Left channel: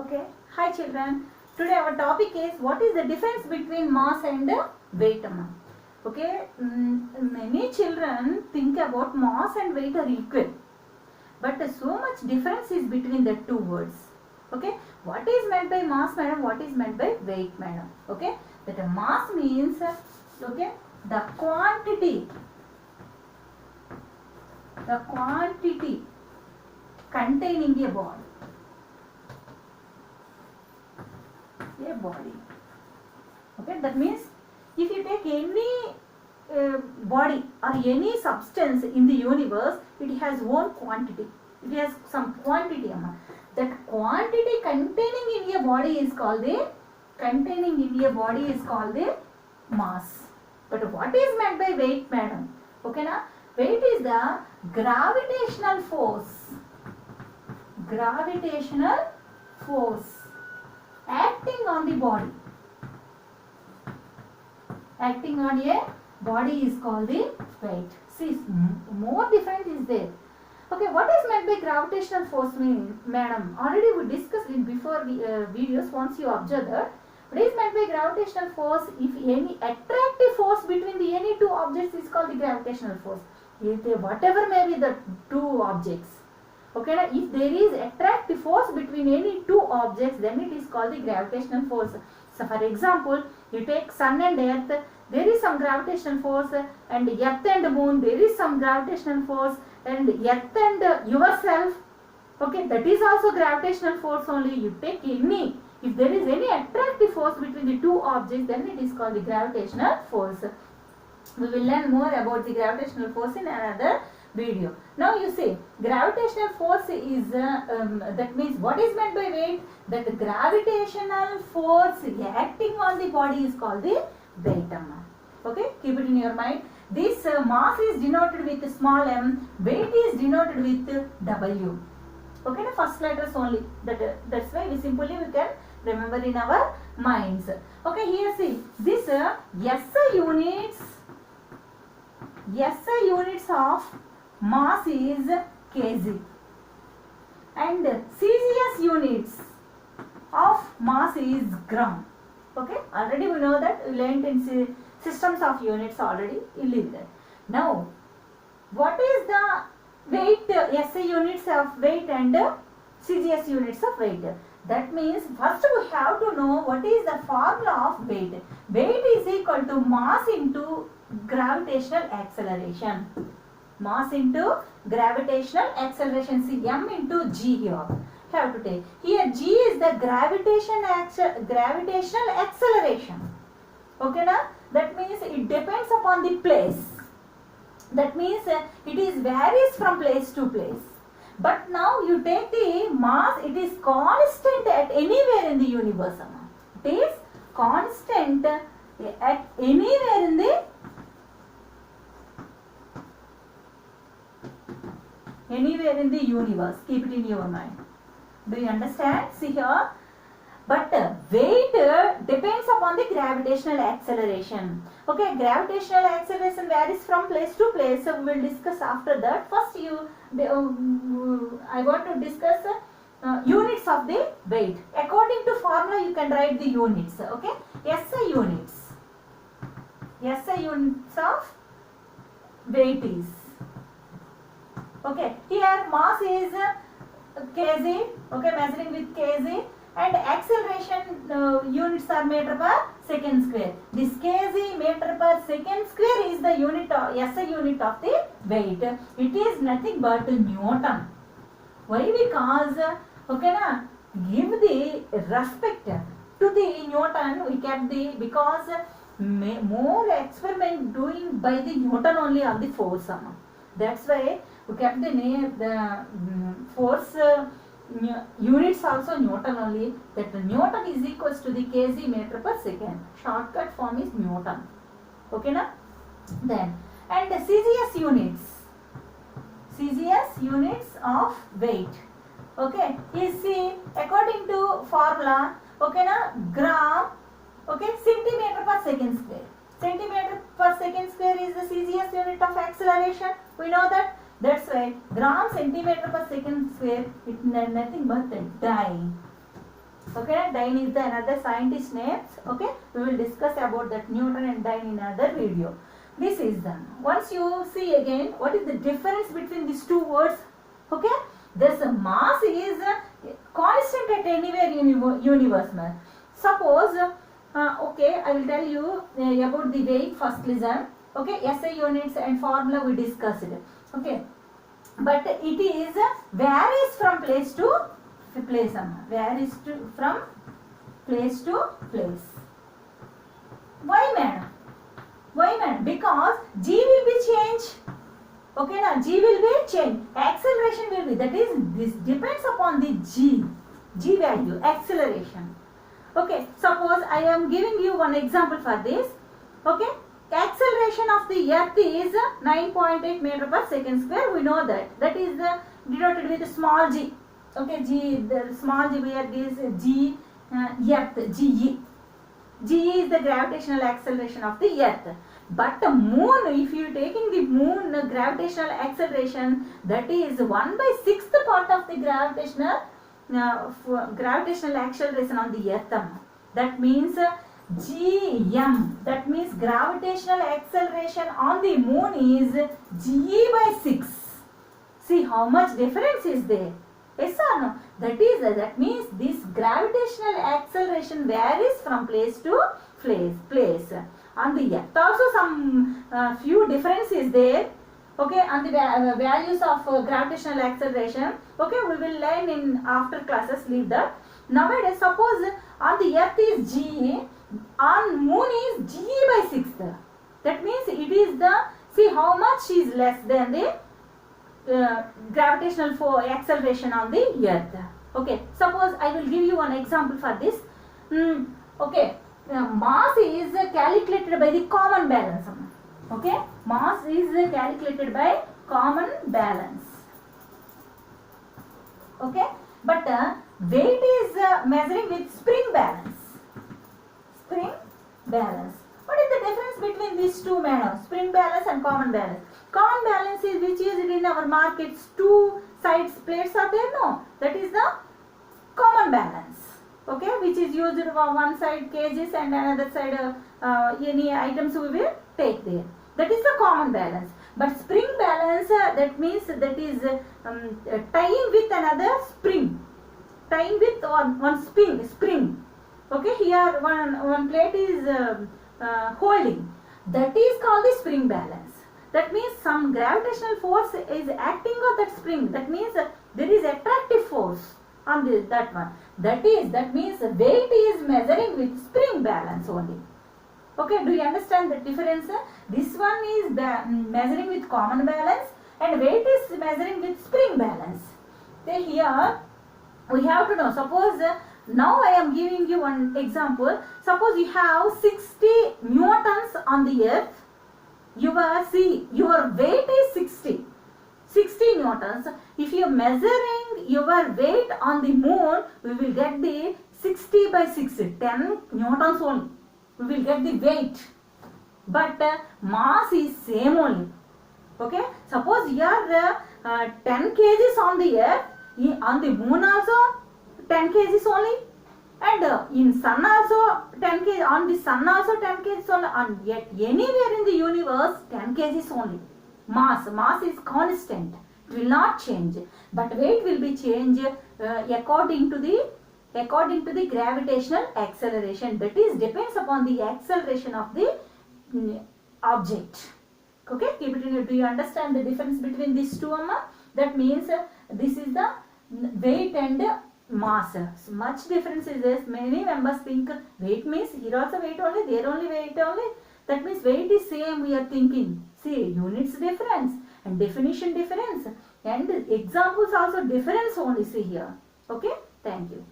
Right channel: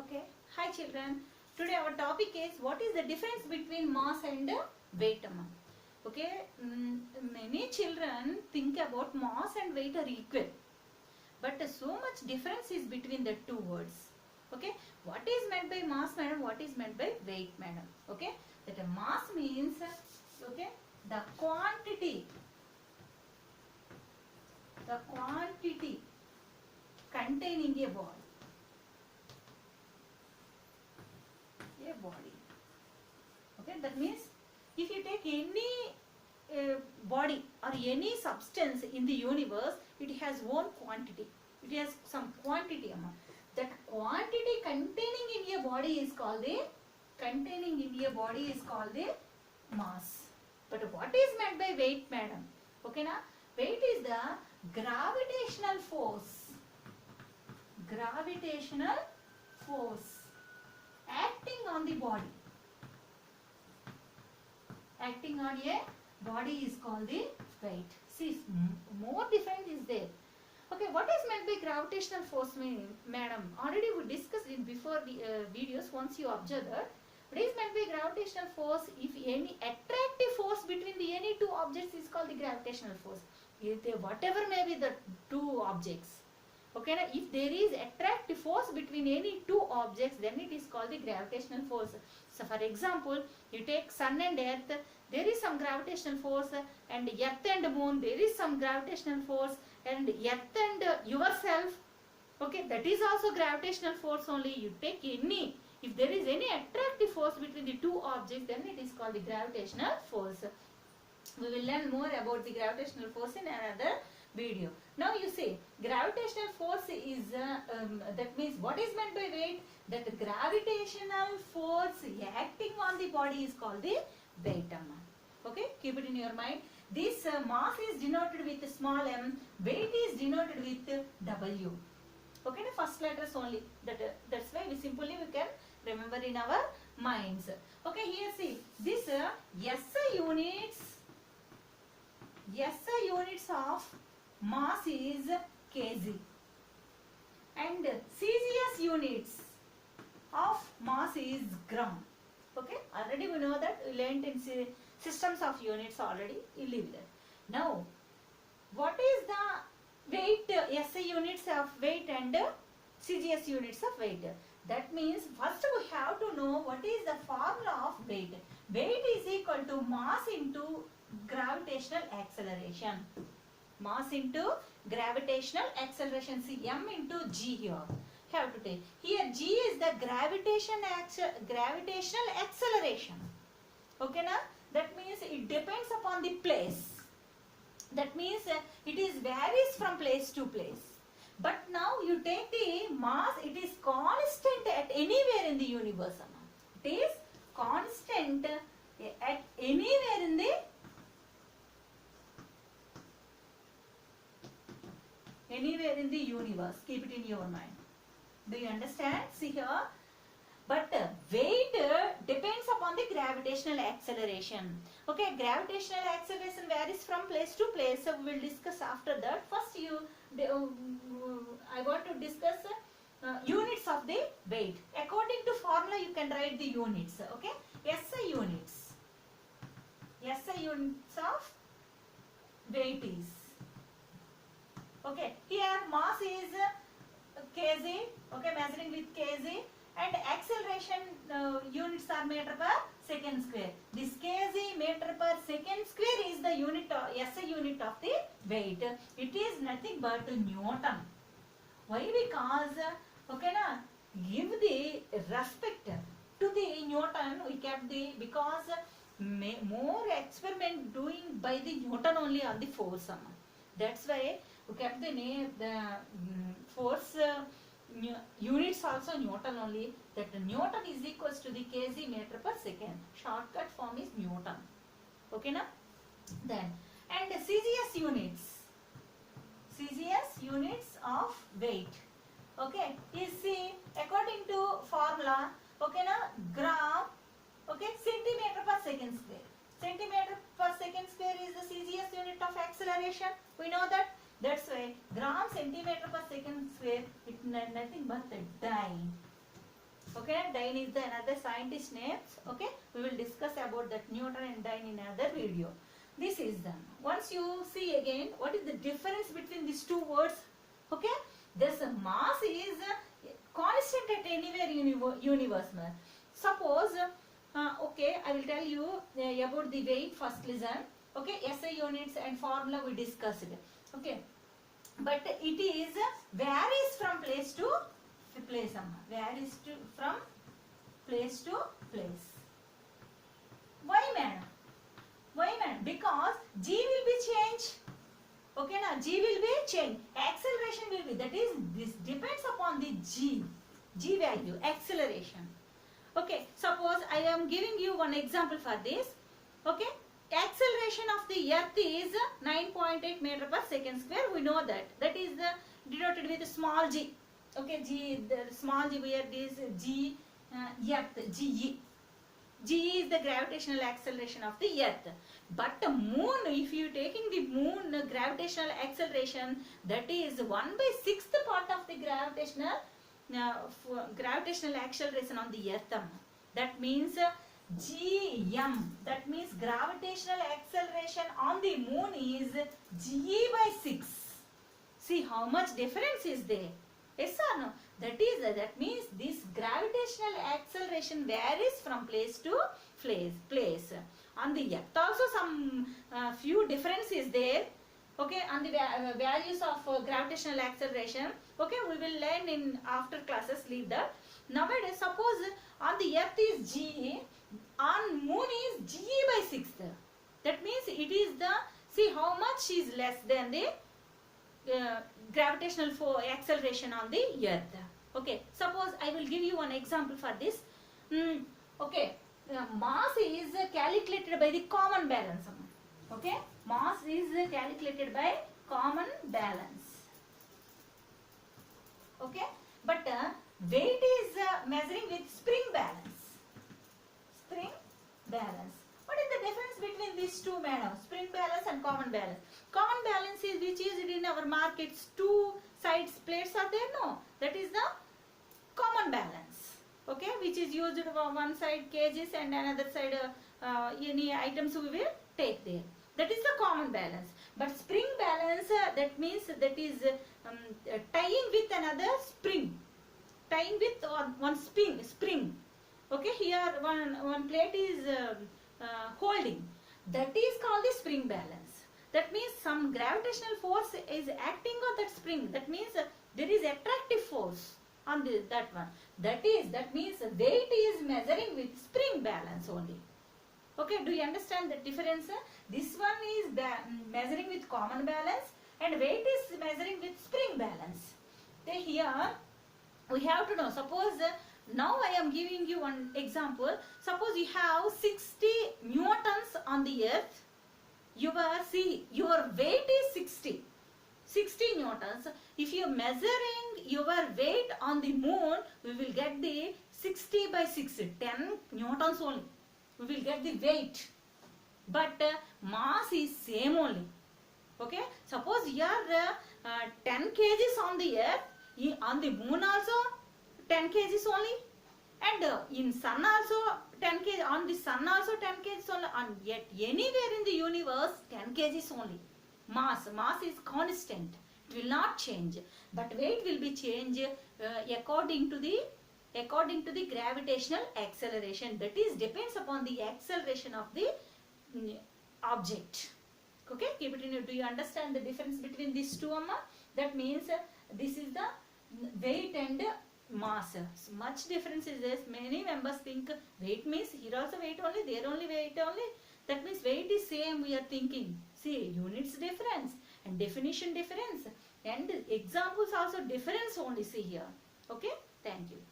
Okay, hi children. Today our topic is what is the difference between mass and weight. Okay, many children think about mass and weight are equal, but so much difference is between the two words. Okay, what is meant by mass, madam? What is meant by weight, madam? Okay, that a mass means the quantity containing a body. Okay, that means if you take any body or any substance in the universe, it has one quantity. It has some quantity. That quantity containing in a body is called the mass. But what is meant by weight, madam? Okay, na? Weight is the gravitational force acting on the body. Acting on a body is called the weight. See, more different is there. Okay, what is meant by gravitational force, madam? Already we discussed it before videos. Once you observe that, what is meant by gravitational force? If any attractive force between the any two objects is called the gravitational force. Whatever may be the two objects. Okay, if there is attractive force between any two objects, then it is called the gravitational force. So, for example, you take sun and earth, there is some gravitational force, and earth and moon, there is some gravitational force, and earth and yourself, okay, that is also gravitational force only. You take any, if there is any attractive force between the two objects, then it is called the gravitational force. We will learn more about the gravitational force in another video. Now you see, gravitational force is that means what is meant by weight? That the gravitational force acting on the body is called the weight. Okay, keep it in your mind. This mass is denoted with small m, weight is denoted with W. Okay, the first letters only. That's why we can remember in our minds. Okay, here see this SI units of mass is kg and CGS units of mass is gram. Okay, already we know that, we learned in systems of units already, you leave that. Now, what is the weight, SI units of weight and CGS units of weight? That means first we have to know what is the formula of weight. Weight is equal to mass into gravitational acceleration. Mass into gravitational acceleration. See, m into g here. Have to take. Here g is the gravitational acceleration. Okay, na? That means it depends upon the place. That means it is varies from place to place. But now you take the mass, it is constant at anywhere in the universe. It is constant at anywhere in the universe. Keep it in your mind. Do you understand? See here. But weight depends upon the gravitational acceleration. Okay, gravitational acceleration varies from place to place. So we will discuss after that. First, I want to discuss units of the weight. According to formula, you can write the units. Okay, SI units of weight is. Okay, here mass is kg, okay, measuring with kg, and acceleration units are meter per second square. This kg meter per second square is the unit of SI unit of the weight. It is nothing but Newton. Why? Because okay, na, give the respect to the Newton. We kept the, because more experiment doing by the Newton only on the force. That's why we kept the name, the force units also Newton only. That Newton is equals to the kg meter per second. Shortcut form is Newton. Okay, na? Then, and CGS units of weight. Okay, you see, according to formula, okay, na, gram, okay, centimeter per second square. Centimeter per second square is the CGS unit of acceleration. We know that. That's why gram centimeter per second square, it is nothing but the die. Okay, Dine is the another scientist names. Okay, we will discuss about that Newton and Dine in another video. This is done. Once you see again, what is the difference between these two words? Okay, this mass is constant at anywhere universe. Suppose, okay, I will tell you about the weight. First listen. Okay, SI units and formula we discussed. Okay, but it is varies from place to place. Varies from place to place. Why, madam? Why, madam? Because G will be changed. Okay, now G will be changed. Acceleration will be, that is, this depends upon the G value, acceleration. Okay, suppose I am giving you one example for this. Okay, acceleration of the earth is 9.8 meter per second square. We know that. That is denoted with small g. Okay, G, the small g where this G, earth, GE. GE is the gravitational acceleration of the earth. But the moon, if you are taking the moon gravitational acceleration, that is 1/6 part of the gravitational acceleration on the earth. That means GM, that means gravitational acceleration on the moon is GE/6. See how much difference is there. Yes or no? That means this gravitational acceleration varies from place to place. On the earth also some few difference is there. Okay, on the values of gravitational acceleration. Okay, we will learn in after classes. Leave that. Nowadays, suppose on the earth is G, on moon is GE/6. That means it is the, see how much is less than the gravitational acceleration on the earth. Okay, suppose I will give you one example for this. Okay, mass is calculated by the common balance. Okay, mass is calculated by common balance. Okay, but weight is measuring with spring balance. Spring balance. What is the difference between these two manners? Spring balance and common balance. Common balance is which is in our markets. Two sides plates are there, no? That is the common balance. Okay, which is used for one side kgs and another side any items we will take there. That is the common balance. But spring balance, that means that is tying with another spring. Tying with one spring. Okay, here one plate is holding. That is called the spring balance. That means some gravitational force is acting on that spring. That means there is attractive force on that one. That means weight is measuring with spring balance only. Okay, do you understand the difference? This one is measuring with common balance and weight is measuring with spring balance. Then here we have to know, suppose now I am giving you one example. Suppose you have 60 newtons on the earth. Your weight is 60 newtons. If you are measuring your weight on the moon, we will get the 60/6, 10 newtons only. We will get the weight. But mass is same only. Okay. Suppose you are 10 kgs on the earth, on the moon also 10 kgs only. And in sun also 10 kg, on the sun also 10 kg only, and yet anywhere in the universe 10 kg only. Mass is constant, it will not change, but weight will be changed according to the gravitational acceleration. That is depends upon the acceleration of the object. Okay, keep it in. Do you understand the difference between these two, Amma? That means this is the weight and mass. So much difference is there. Many members think weight means here also weight only, there only weight only. That means weight is same, we are thinking. See, units difference and definition difference and examples also difference only, see here. Okay, thank you.